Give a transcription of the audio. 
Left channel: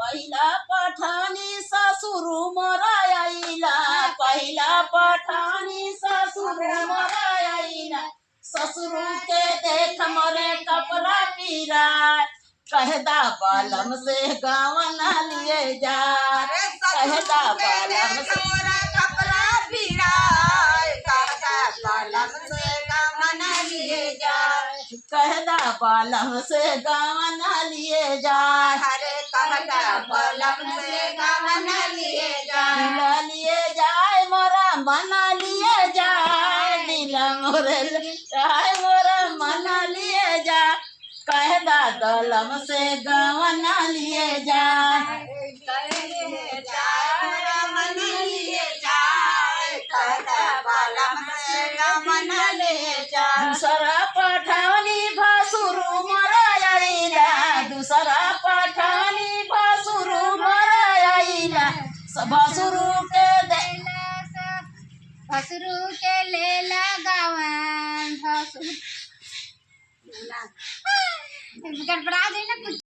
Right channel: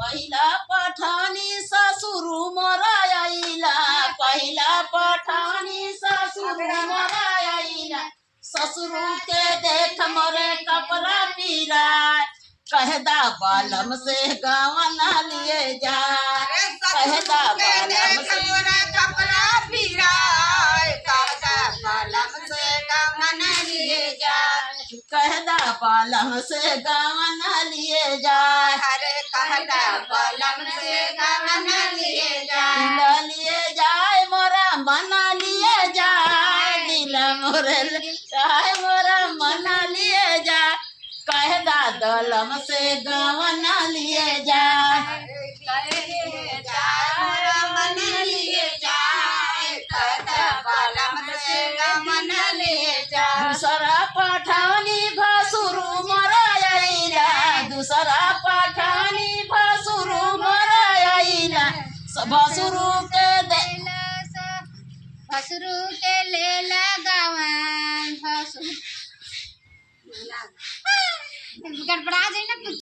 पहिला पठानी ससुर मोरा आइला, पहिला पठानी ससुर मोरा आइला, ससुर के देख मोरे कपड़ा पीराय, कहदा बालम से गवना लिए जा, कहदा बालम से मोरा कपड़ा पीराय, कहदा बालम से गवना लिए जा, कहदा बालम से गवना लिए जाए, अरे कहदा बालम से गवना लिए जा, दिल लिए जाए मोरा मना लिए जाए, दिल मोरे जाए मोरा मना लिए जाए, कहदा दलम से गवना लिए जाए, मोरा मना लिए जाए, कहदा बालम से गवना लिए जा, दूसरा पठानी भसुर मोरा आइला, दूसरा पठानी भसुर मोरा आइला, भसुर के भसरू के लेला गवन भसरू गड़बड़ा जाए ना।